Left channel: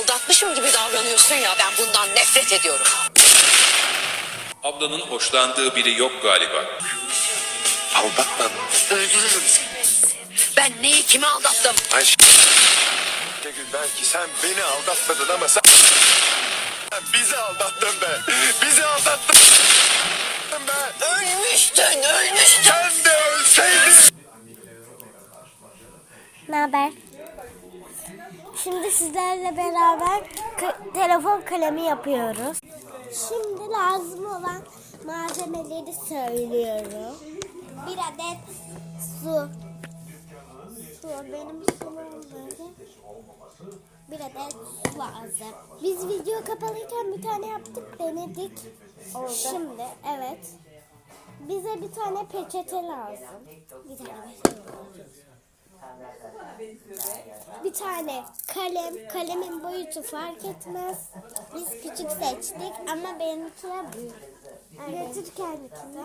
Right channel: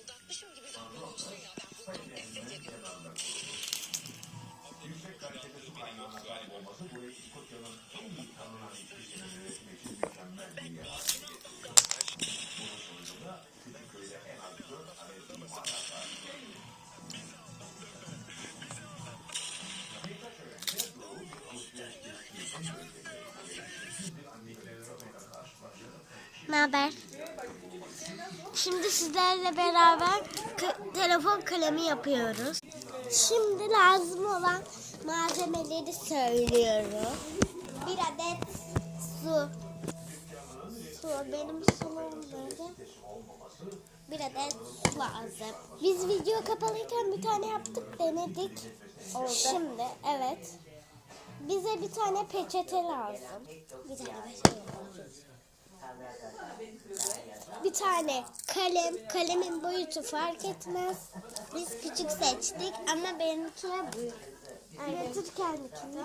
aldatmışım gibi davranıyorsun ya. Ben bundan nefret ediyorum. Ablanın hoşlandığı biri yok galiba. Aldatmadım. Öldürürüm seni. Ben neyi kime aldattım? Ayşe. Belki sen beni aldatmadın ama sen... sen bizi aldattın be. Bizi aldattın be. Ölmüştün, ölmüştün. Sen de ölseydin. Ne haber? Şimdi sizlerle beraber telefon kalemi yapıyoruz. Şimdi lazım olan malzemeleri söylüyorum. Bir adet su. Su. Benim sumum nerede? Bir adet su lazım. Biz video kapalıyken bir tane yaptık, denedik. Oldu. Şimdi evet. Bize bir tane peçete lazım. Bir tane peçete lazım. Bir tane kalem, kalemin boyutu fark etmez. Biz küçük seçtik ama benimkiler büyük. Getir kendikini.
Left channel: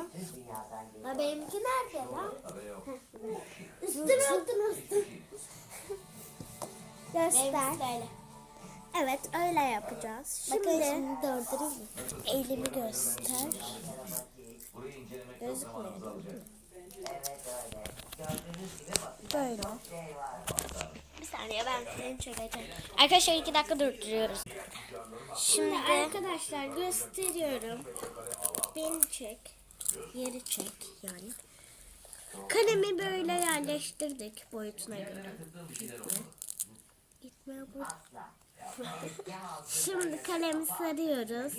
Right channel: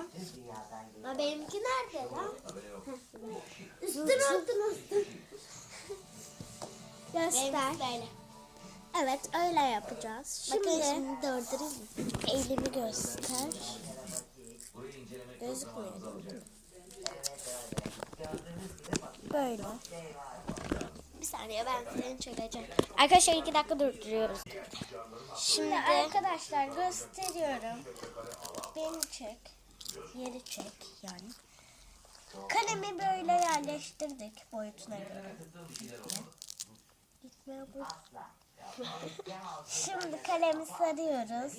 Ama benimki nerede lan? Üstün üstün üstün. Göster. Evet öyle yapacağız. Şimdi, şimdi durdurayım. Elimi göster. Gözükmüyor değil mi? Böyle. Bir saniye ben seni çekeceğim. Arkadaşlar iki dakika durduruyoruz. Şimdi arkadaşlar gösteriyorum. Beni çek. Yeri çek yani. Kalemi böyle yerleştirdik boyutuna göre. Gitme. Bu. Şimdi kalemi sarıyoruz.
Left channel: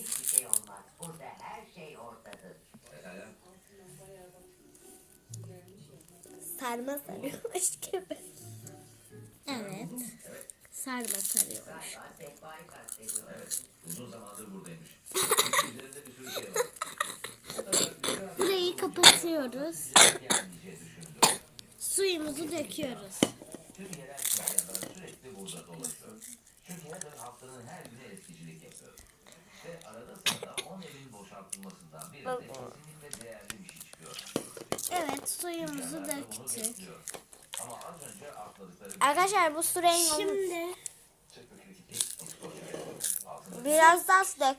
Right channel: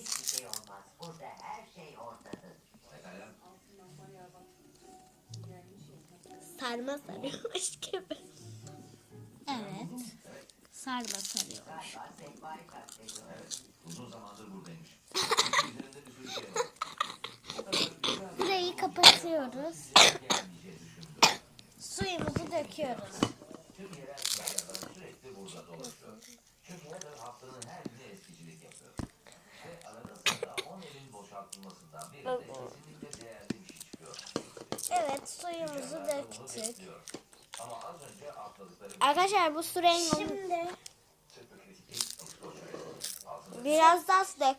Sarma sarıyormuş gibi. Sarma sarıyormuş. Burayı kapatıyoruz. Suyumuzu döküyoruz. Evet suyumuzu döktük. Arkadaşlar bu su rengi Şimdi biraz daha su dök.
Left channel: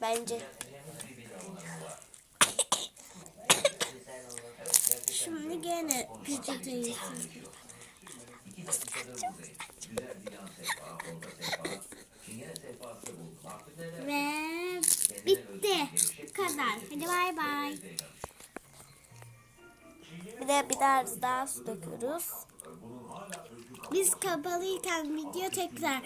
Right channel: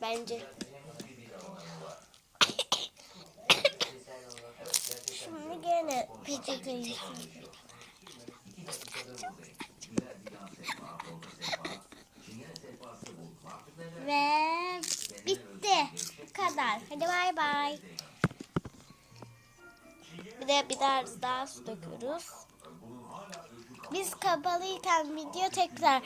Bence. Şimdi gene peçeteyi Ve bitti. Bu kadar. Hadi bay bay. Bir de biraz daha su döküyoruz. Biz kapalıyken video tekrar